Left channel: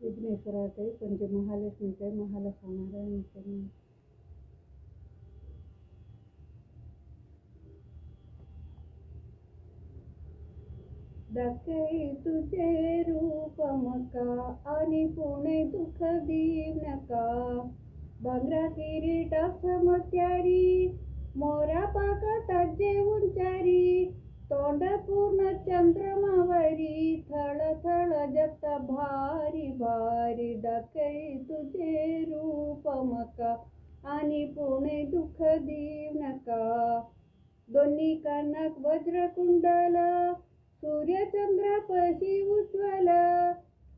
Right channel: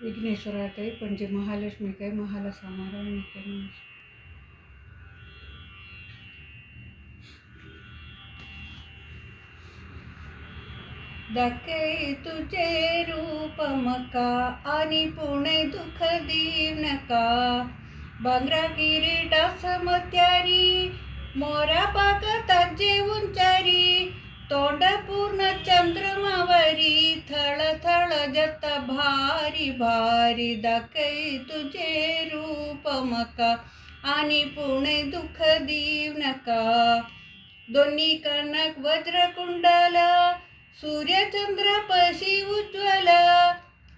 विघ्नेश्वरा काही पणजे महालक्ष्मी काही महाला समारण काही दाखई तुझे रूप मका आणि पुणे दुःख दीव नका बांगरा किरीटा समत्यारी मोरा पाक ताजे उंचारी तोंड पूर्ण चंद्रमावरी थळ थळ जत भारी भारी दाखई तुझे रूप मका आणि पुणे दुःख दीव नका दोन्ही कनक वज्रकुंडल सूर्यचंद्र पशी उज्ज्वल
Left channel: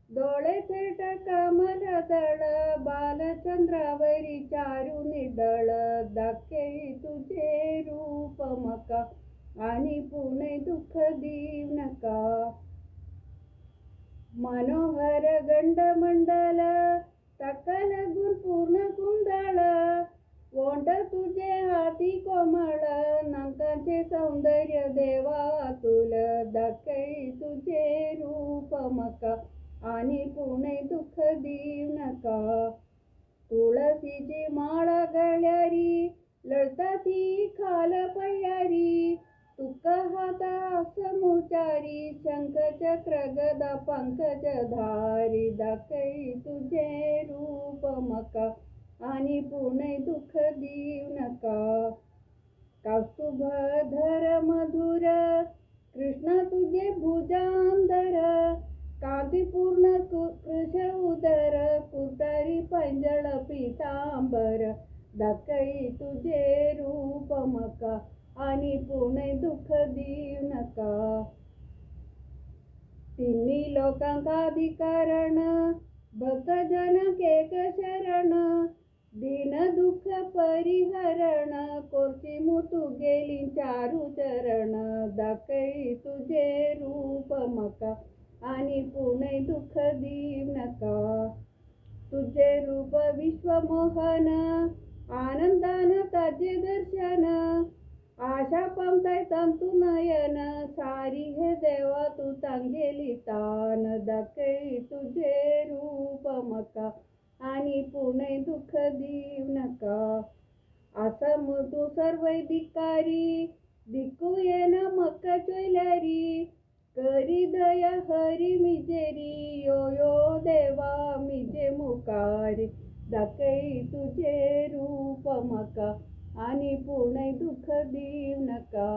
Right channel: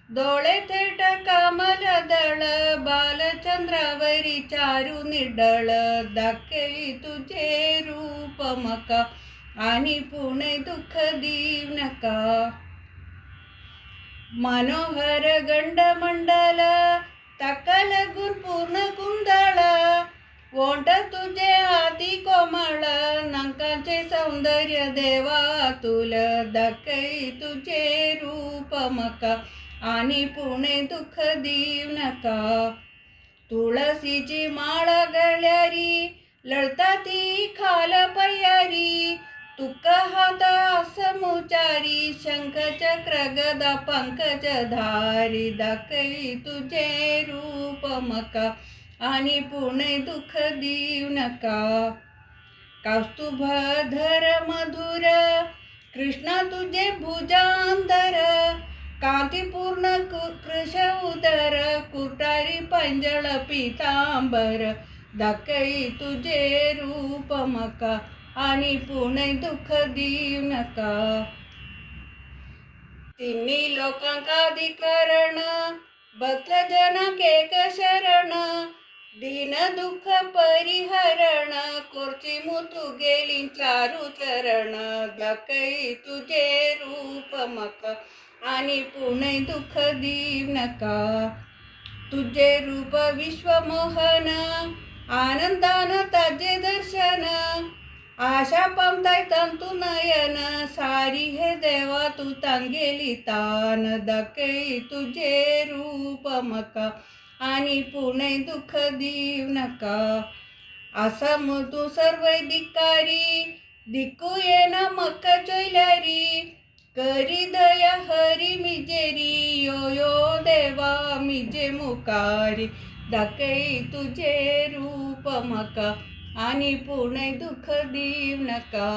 डोळे थेट कामल दळ बालचंद्रावरी चारू निडळ दाखई तुझे रूप मका आणि पुणे दुःख दीव नका मनोहर गंडमंडल तकल गुण पूर्ण कुंदळ वोंट तुझे हाती कोमळ नंकाचे सौंदर्य देवा तुल दाखई तुझे रूप मका आणि पुणे दुःख दीव नका तुळशीची माळ गळ्यारी लळता ती खाल पयारी तुका हात असमुचारी शंख चक्र गदा पंकज धारी दाखई तुझे रूप मका आणि पुणे दुःख दीव नका कौस्तुभ धर मधुर कृष्ण तुझे भुजांधर कांतीपूर्ण कृश उदर कुटारी पंजळ पितांबर दाखई तुझे रूप मका आणि पुणे दुःख दीव नका तिन्ही लोकांकाधिकरण भक्त जन केक शरण दीन दुःख परिहरण कोरची मुतू गेली चारू चरण दाखई तुझे रूप मका आणि पुणे दुःख दीव नका तुझे रूप विश्वमोहन आनंदान ताजे दर्शन आशा पामताय तंतु नयन सारी हे देवा तू तांगेली तान दाखई तुझे रूप मका आणि पुणे दुःख दीव नका असं तू सर्वैधिकारी दिक्कू येन मक चैल्यारी करी दया हरी मिजेरी यो यो देवा मिजे मुकारी दाखई तुझे रूप मका आणि पुणे दुःख दीव नका